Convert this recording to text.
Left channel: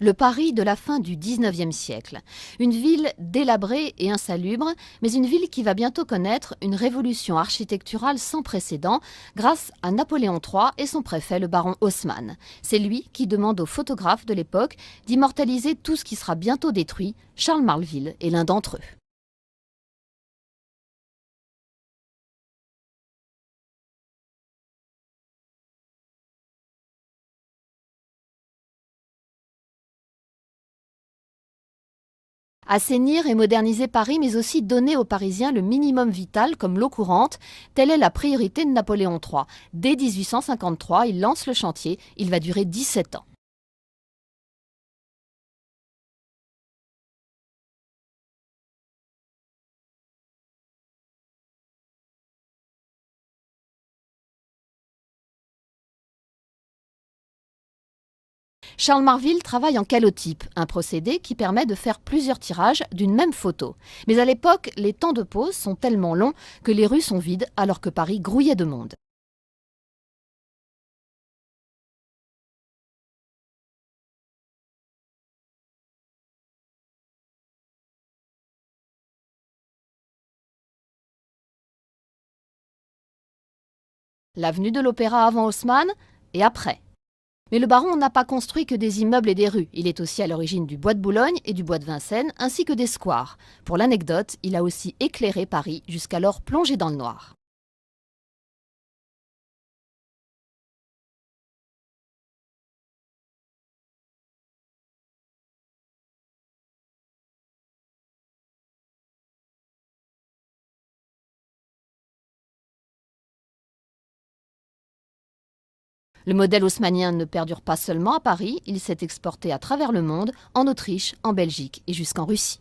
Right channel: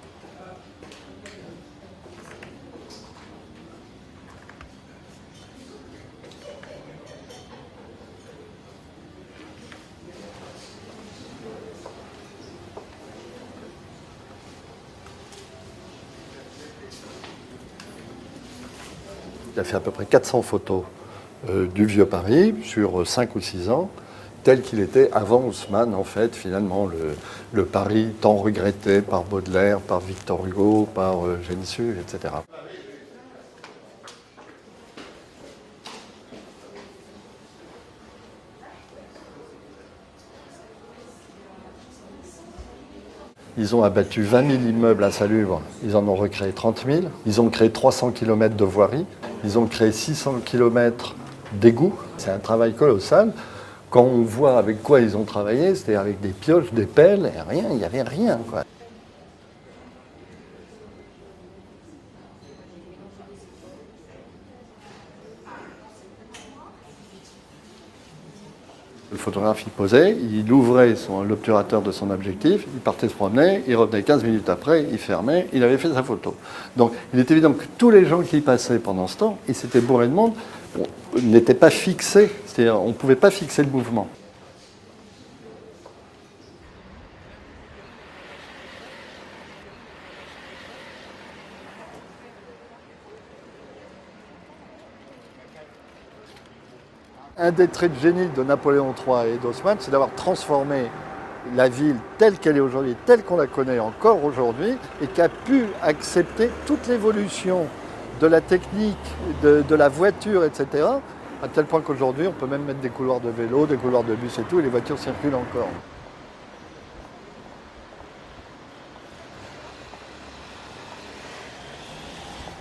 Le Paris de la fin du 19e siècle. Une ville délabrée et insalubre, mais une ville qui va bientôt connaître une révolution architecturale sans précédent grâce à Napoléon III et son préfet, le baron Haussmann. C'est lui qui demande aux photographes de l'époque d'immortaliser tout ce qui sera bientôt détruit. Charles Marville est l'un d'entre eux. Il a fait à peu près 400 photos du vieux Paris sur 5 ou 6 ans, tel qu'il était avant Haussmann, en fait, finalement, le Paris tant regretté par Baudelaire, par Victor Hugo, par Gensu, etc. Assainir et moderniser Paris, mais aussi donner aux Parisiens le minimum vital comme l'eau courante, telle est la priorité de Napoléon III. Dès 1853, il lance le chantier, il va durer 17 ans. Ils ont abattu 20 000 immeubles insalubres, ils en ont recréé 30 000, ils ont créé 300 km de voirie, ils ont créé 600 km d'égouts. C'est un travail colossal. Quand on voit avec quoi ils ont travaillé, c'était avec des pioches, des pelles, et rien, il n'y avait rien, quoi. Charles Marville travaille en calotype, un procédé qui permet de faire plusieurs tirages d'une même photo. Mais à l'époque, les temps de pause sont tellement longs que les rues sont vides alors que Paris grouillait de monde. Le photographe, il posait, il ouvrait l'obturateur de son objectif, il partait se promener, il revenait 15 minutes après, il fermait, il avait fait sa photo. Donc il est évident que tous les gens qui y passaient pendant ce temps, et c'était bourré de monde, n'étaient pas fixés, c'est-à-dire on ne pouvait pas fixer le mouvement. L'avenue de l'Opéra avant Haussmann et après. Mais le baron n'a pas construit que des immeubles et des rues. Il est aussi à l'origine du bois de Boulogne et du bois de Vincennes, ainsi que des squares. Pour l'anecdote, il a aussi éclairé Paris, jusqu'alors plongé dans le noir. Un des traits de génie de Napoléon III et d'Haussmann, c'est d'avoir transformé la ville telle qu'elle est aujourd'hui, telle qu'on la connaît encore aujourd'hui, et qui a pu accepter toute l'évolution de la technique, de la voiture, etc., à tel point qu'aujourd'hui, on peut même mettre des couloirs de vélo, des couloirs de bus et tout, et les voitures circulent encore. Le modèle haussmannien ne perdure pas seulement à Paris, il s'est exporté à travers le monde, en Autriche, en Belgique et jusqu'en Russie.